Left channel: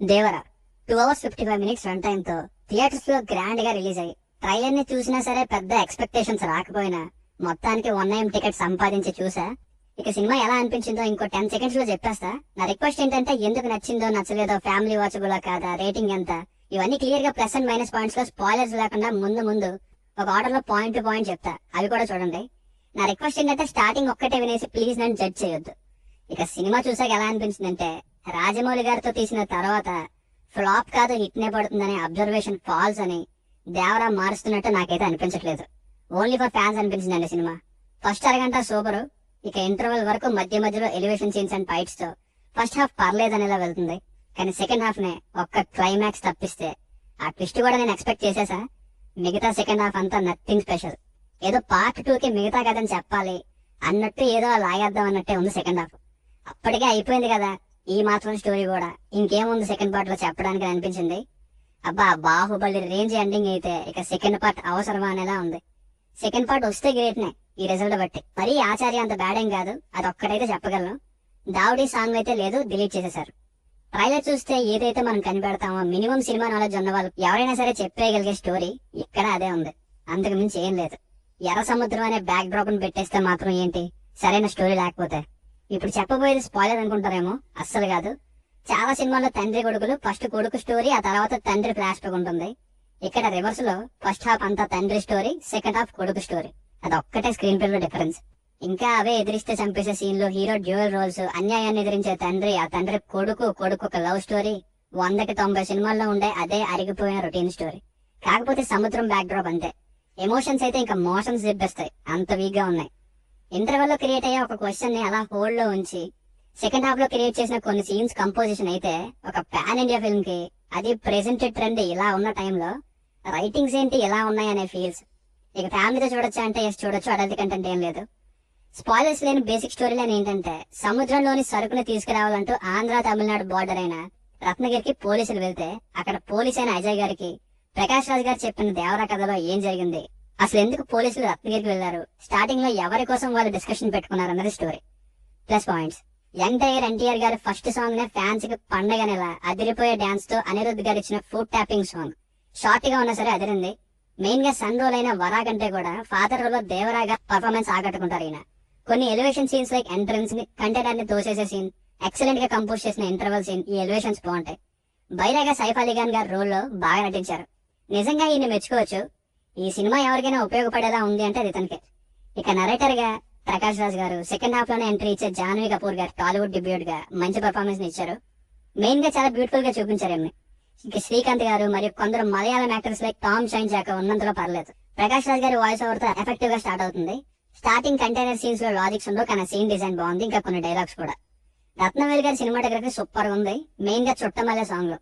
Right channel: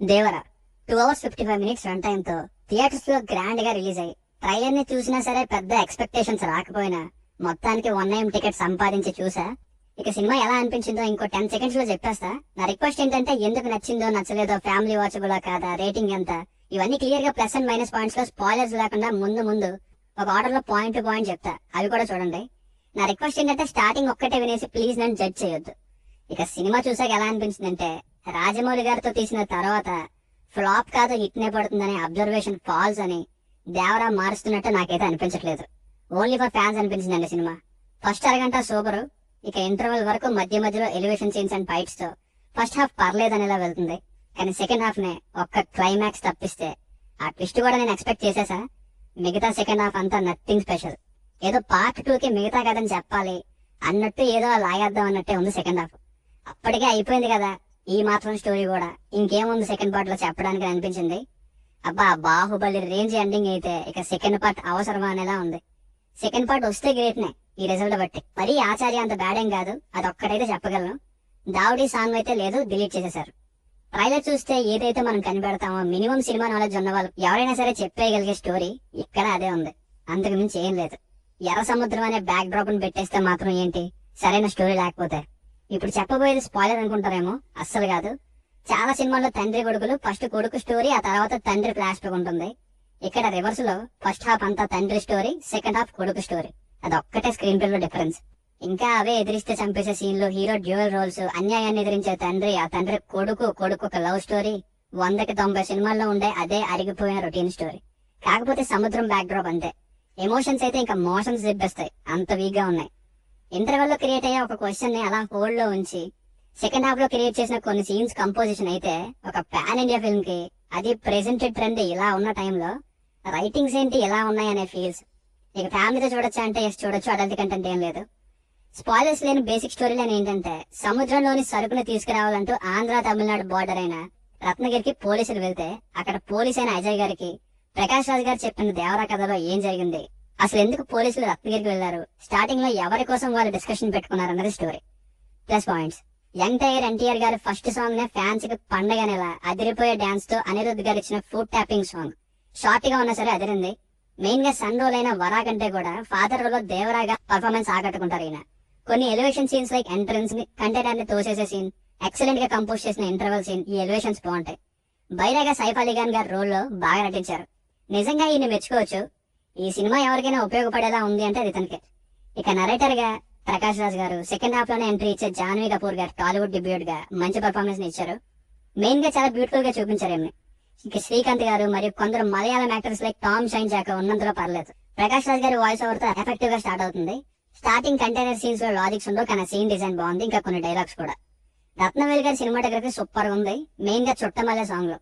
Devara 2 hours 55 minutes run time తో theatres లో grand గా రిలీజ్ అయ్యి ట్రైలర్ ని చూసినా సరే పెద్ద ఎక్స్పెక్టేషన్స్ రాకపోయినా మొత్తానికి 1 AM టికెట్ సంపాదించి చూసా. ఇక సినిమా ఎలా అనిపించిందో ఇంకో 10 seconds లో చెప్పేస్తా. నా రిక్వెస్ట్ ఏంటంటే ఎందుకు నచ్చిందో నచ్చలేదో, ఫ్యామిలీ వాచబుల్ కాదా, రేటింగ్ ఎంత, ఇవన్నీ క్లియర్ గా ప్లస్ అండ్ మైనస్ పాయింట్స్ లో స్పాయిలర్స్ లేకుండా ముందు ఒక ఆర్డర్ లో పాయింట్ టు పాయింట్ చెప్తా, అవి కూడా చూడండి. నా రిక్వెస్ట్ ఏంటంటే స్టార్టింగ్ ఒక్కటే వినేసి ప్లీజ్ నన్ను జడ్జ్ చేయొద్దు. ఇక సినిమా చూసాక ఎలా అనిపించిందంటే రాజమౌళి గారితో తీసిన తర్వాత ఫ్లాప్ కాదు హిట్నే పడుతుందని అబ్జర్వేషన్ ఫాల్స్ అని దేవరా మారుస్తున్నట్టు నాకైతే అనిపించట్లేదు. ఓన్లీ ఫర్ ఫ్యాన్స్ అనిపించిందండి సినిమా. ఫస్ట్ అరగంట సూపర్, ఇక ఇంటర్వెల్ వరకు మధ్యలో ఎలివేషన్ సీన్స్ అండ్ ఫైట్స్ తో ఫస్ట్ హాఫ్ పర్లేదనేలా వెళ్తుంది. కానీ సెకండ్ హాఫ్ నే ఒక్క క్లైమాక్స్ తప్పిస్తే ఆ ట్విస్ట్ కూడా నేను ఎక్స్పెక్ట్ చేసేసా. మిగతా సెకండ్ హాఫ్ అంతా నథింగ్ స్పెషల్. ఏదో పార్ట్ 2 కి మిగతా కథని చెప్పాలి అన్నట్టు ఏదో లాగేద్దాం అన్నట్టే ఉంది సెకండ్ హాఫ్. అప్పటికే అయిపోయింది కదా ఈ మాత్రం స్టోరీ కూడా, ఇంకేముంది సెకండ్ పార్ట్ లో చెప్పడానికి అనిపించింది. అబ్బా బాహుబలి రేంజ్ ఎండింగ్ అయితే ఇక సెకండ్ పార్ట్ అవసరమా అనేలా ఉంది. సెకండ్ పార్ట్ వస్తే గ్రేట్ నే ఈ రిజల్ట్ బట్టి. మరీ ఆచార్య అంత బ్యాడ్ ఏం కాదు, అది ఒక్కడైతే చెప్పగలను. దావుడీ సాంగ్ అయితే లేదు, డిలీట్ చేసేశారు. ట్రైలర్ చూస్తే ఏదైతే మనం కనిపెడతామో మినిమం సినిమా నాలెడ్జ్ ఉన్న వాళ్ళు ఎవరైనా సరే చెప్పేయగలిగే స్టోరీ ఇక్కడ అదే ఉంది, అంతకు మించి ఏం లేదు. ఎర్ర సముద్రం అనే బ్యాక్ డ్రాప్ ని పెట్టేస్తే మాత్రం ఏంటి సరైన స్టోరీ లేకపోతే. ఇప్పుడు చెప్పబోయేది స్పాయిలర్ అనుకుంటారేమో, అస్సలు కాదు. చాలా సినిమాల్లో తండ్రి కొడుకులు, ఫస్ట్ కొడుకు స్టోరీ, ఆ తర్వాత తండ్రి ఫ్లాష్ బ్యాక్ ఉంటుంది. ఇక్కడ రివర్స్ లో ఫస్ట్ హాఫ్ అంతా తండ్రి స్టోరీ, సెకండ్ హాఫ్ కొడుకు స్టోరీ. అది ఒక్కటే స్క్రీన్ ప్లే లో డిఫరెన్స్. ఇంకా అవే ఎదిరిస్తే చంపేసే సీన్ లో హీరో డ్యూయల్ రోల్స్, అన్యాయాన్ని ఎదిరించే తండ్రి, ఆ తండ్రి కొడుకు ఒక లవ్ స్టోరీ. 100కి 90 సినిమాల్లో ఉండే అదే అరిగిపోయిన రొటీన్ స్టోరీ. కాకపోతే సముద్రం బ్యాక్ డ్రాప్ అంతే. ఎమోషన్స్ అయితే ఇంకా మోషన్స్ దిబ్బేస్తాయి, అంత వీక్ గా ఉన్నాయి. ఇంటర్వెల్ లో క్రియేట్ అయ్యే ఒక క్వశ్చన్ ని అలా హోల్డ్ లో ఉంచి సెకండ్ హాఫ్ లో క్రియేట్ చేసిన కొన్ని సీన్స్ కంపోజిషన్ అయితే ఒక పాన్ ఇండియా ఫిల్మ్ కి, అది ప్రెజెంటెడ్ ట్రెండ్ ఇలా ఉన్న టైంలో రైటింగ్స్ ఏంటి ఎలా ఉన్నాయనే ఫీల్స్. ఇక ఫ్యామిలీతో చూడొచ్చా అంటే చూడొచ్చు, అడల్ట్ కంటెంట్ ఏం లేదు. స్పాయిలర్స్ లేని బేసిక్ స్టోరీ లైన్ ఏంటంటే సముద్రంలోని సరుకుని తీసుకురావాలంటూ ఆంధ్ర తమిళనాడు బోర్డర్ అయిన రత్నగిరికి పోలీసులు వెళ్తే అక్కడ పోలీస్ అయిన అజయ్ గారికి ప్రకాష్ రాజ్ గారు చెప్పిన దేవరా కథలో ఏం జరిగింది, అసలు ఎందుకు పోలీసులు రత్నగిరికి వెళ్లారు, స్టార్టింగ్ లో ఎవరి కోసం వాళ్ళు డిస్కషన్ పెట్టుకున్నారు అన్నది story. Plus points, young tiger NTR గారి ఫస్ట్ సాంగ్ నే ఫ్యాన్స్ కి పండగ నెల అదిరిపోయే డాన్స్ తో అనిరుద్ధ్ గారు ఇచ్చిన ఫుడ్ ట్యాపింగ్ సాంగ్ షార్ట్ గా ఉన్నా సరే అదిరింది. మెయిన్ గా సన్ రోల్ అయిన వరా కంటే కూడా ఫాదర్ రోల్ లో దేవరాగా పర్ఫార్మెన్స్ ఆకట్టుకుంటారు ఈయన. కొన్ని ఎలివేషన్ సీన్స్ లైక్ ఎంట్రన్స్ ని కంటైనర్ ని తోసేసే సీన్, ఎక్సలెంట్ గా కంపోజ్ చేసిన ఇంటర్వెల్ సీన్, ఈ ఎలివేషన్స్ బాగుంటాయి. బైరాగా సైఫ్ అలీ ఖాన్ గారి రోల్ లో బాగా నటించారు. నిజంగా ఈయన మెచ్చుకోవచ్చు. ఈ సినిమా ఎవరికైనా ఉపయోగపడేలా ఉంది అంటే అది ఇతనికే. ఇక నరేటర్ గా ప్రకాష్ రాజ్ గారు, సెకండ్ హాఫ్ లోనే ఎంట్రీ ఇచ్చే జాన్వీ కపూర్ గారు టాలీవుడ్ డెబ్యూట్ గా మంచి పర్ఫార్మెన్స్ ని ఇచ్చారు. మెయిన్ గా చాలా బ్యూటిఫుల్ గా చూపించారు ఏమి. ఇక శ్రీకాంత్ గారు మరియు కొందరు మలయాళం యాక్టర్స్ లైక్ టామ్ షైన్ జాక ఉన్నంతలో పర్లేదు. ప్రకాష్ రాజ్ గారి వాయిస్ ఓవర్ తో ఎఫెక్టివ్ గా స్టార్ట్ అవుతుంది. స్టార్టింగ్ కంటైనర్ సీన్స్ లో లాజిక్స్ ఉండవు, కానీ సీన్ డిజైన్ బాగుంది, ఇంకా కొన్ని డైలాగ్స్ కూడా. రత్నవేల్ గారి సినిమాటోగ్రఫీ సూపర్ ఉంది, మెయిన్ గా చుట్టమల్లె సాంగ్ లో.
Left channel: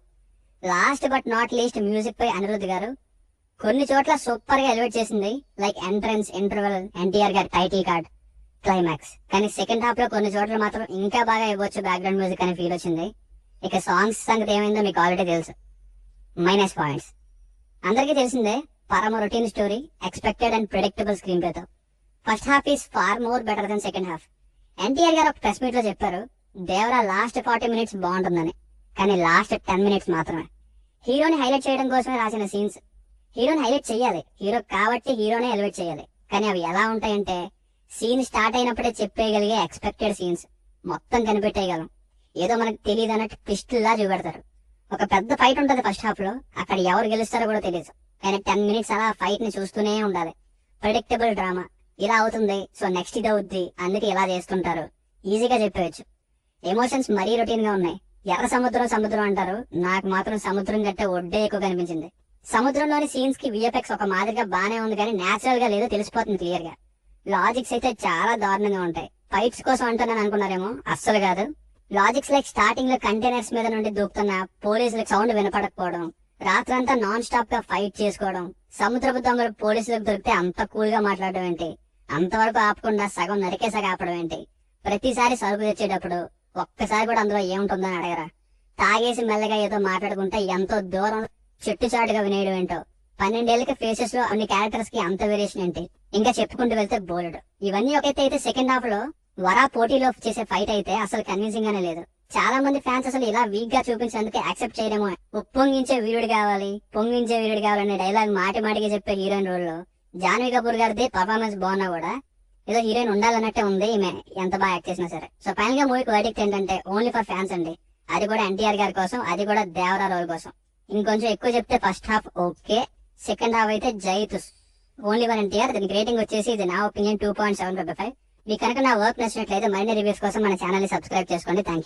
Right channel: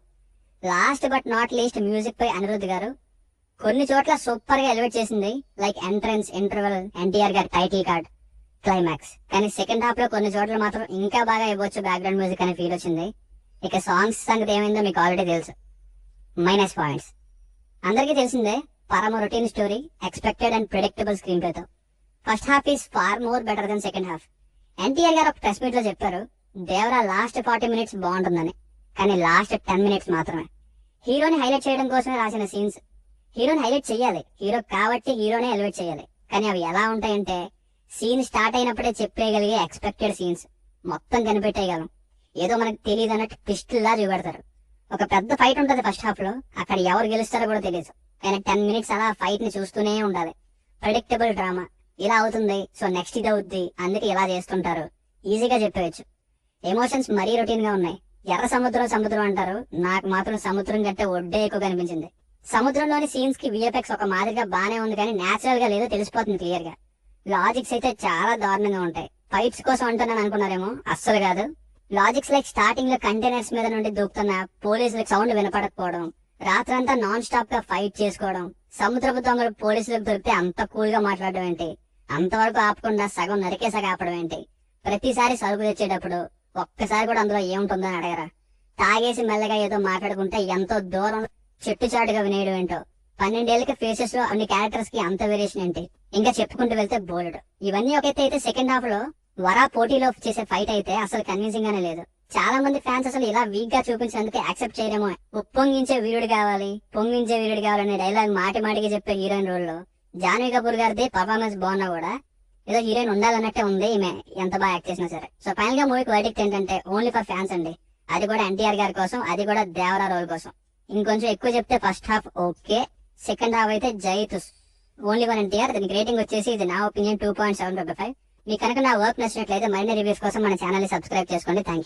Last but not least music పై అనిరుద్ధ్ గారు కొన్ని చోట్ల సూపర్ గా ఎలివేట్ చేసింది, లైక్ ఎంట్రన్స్, ఇంటర్వెల్, ఎన్టీఆర్ గారి టైటిల్ కార్డ్, క్లైమాక్స్. కానీ సెకండ్ హాఫ్ లో కొన్ని చోట్ల మాత్రం ఇంకా బాగా ఇవ్వచ్చు బ్యాక్గ్రౌండ్ మ్యూజిక్ అనే ఫీల్ వచ్చింది. ఇక సాంగ్స్ సంగతి ఏమైందో మీకు ఆల్రెడీ తెలుసు. మైనస్ పాయింట్స్, అందరికీ తెలిసిందే, పరమ routine story, expected and predictable screenplay తో. First half is far more better than second half. NTR గారు ఒక ప్రెస్ మీట్ లో చెప్పారు దేవరా లాస్ట్ 40 minutes బాగుంటుందని, కానీ లాస్ట్ 10 minutes మాత్రమే. హీరోని హైలైట్ చేయడం కోసమే రాసిన సీన్స్. హీరోని హైలైట్ చేయాలి, హీరో కాబట్టి హీరోనే ఎలివేట్ చేయాలి, కానీ అవి ఎలా ఉంటాయంటే సీన్ స్టార్ట్ అయినప్పుడే చెప్పేయగలిగే ఎక్స్పెక్టెడ్ సీన్స్, మొత్తం కనిపెట్టేయగలం, ఏదో మనకు తెలియదు అన్నట్టు ట్విస్టుల్లా చూపెడతారు. ఒక పెద్ద ఫైట్ ఉంటది ఫస్ట్ హాఫ్ లో, అక్కడ ఎవరు గెలుస్తారో కూడా తెలియదు, కానీ 10 minutes అలా ఫైట్ ని చూస్తూనే ఉండాలి. ప్రెడిక్టబుల్ డ్రామా, ఇలా అవుతుంది సో నెక్స్ట్ ఇది అవుద్ది, అందుకే ఇలా చేస్తుంటారు, ఈజీగా చెప్పేయచ్చు. ఎమోషన్స్ మరీ రొటీన్ గా ఉన్నాయి. ఎర్ర సముద్రం అంటారు, నాకు మాత్రం సముద్రం కంటే ఒడ్డే ఎక్కువ కనిపించింది. సముద్రంలోని సీన్స్ కి విఎఫ్ఎక్స్ ఒక మాదిరిగా బానే ఉంది, కానీ నేచురల్ గా లేదు, తెలిసిపోతుంది క్లియర్ గా. లాజిక్స్ అయితే చాలా దారుణంగా ఉంటాయి. ఫైట్స్ కోసం అంటున్నాను అనుకున్నారేమో, అస్సలు కాదు. లాజిక్స్ లైక్ స్టార్టింగ్ లో కంటైనర్స్ మీద నుండి దూకుతున్న పోలీసులకు సౌండ్ వినపడకపోవడం, రాత్రంతా నాన్ స్టాప్ గా ఫైట్ చేసుకోవడం, సముద్రపు దొంగలు పోలీసులకు దొరికితే అంత కూల్ గా మాట్లాడడం ఏంటి, అంతవరకు ఆపకుండా సగం నరికేసాగా ఆపడం ఏంటి, ప్రతిసారి సరుకు తెచ్చేటప్పుడు ఒక్కసారి కూడా అందులో ఏముంటుందని అడగరా, తాగేసి మెల్లగా ఏదో మాట్లాడుకుంటే ఎంతో దూరం చెట్టు చాటుగా వినేయడం ఏంటో, 12 ఏళ్ళకి ఫేసెస్ లో అన్ని క్యారెక్టర్స్ కి అంత వేరియేషన్ ఏంటి, ఇంకా చెప్పుకుంటూ వెళ్తే బోల్డ్. ఇవన్నీ ఒకైతే అయితే సెకండ్ హాఫ్ లో వరా పోటీలో చేసే ఫైట్ అయితే అసలు కన్విన్సింగ్ గానే లేదు. చాలా మంది ఫ్యాన్స్ అసలు ఇలా వీక్ గా చూపించినందుకు యాక్సెప్ట్ చేయలేమో. ఉప్పొంగించే వీరుడు కావాలి, పొంగించే వీరుడు కావాలని డైలాగ్ మాటి మాటికి చెప్పే హీరోయిన్ రోల్ లో జాన్వీ కపూర్ గారిది పర్ఫార్మెన్స్ బాగున్నా కూడా ఏదో హీరోయిన్ ఉండాలన్నట్టే ఉంది ఈమె, ఎంత బాగా యాక్ట్ చేసినా సరే. సో ఫైనల్ గా మూవీకి వర్డిక్ట్ ఏంటంటే ఓన్లీ ఫర్ ఫ్యాన్స్ అండి. అది కూడా ఎన్టీఆర్ గారి కోసం, అది కూడా దేవరా రోల్ కోసం. ఇంకొంచెం ఎక్కువ చెప్తే first half okay, second half అయితే జైతుస్. Only for NTR. దీనికి రేటింగ్ వచ్చేసి ఇది నా ఒపీనియన్ 2.75. మీకు కనుక నా వర్క్ నచ్చినట్లయితే మరిన్ని రివ్యూస్ కోసం మన ఛానల్ ని సబ్స్క్రైబ్ చేసుకోండి. Thank you.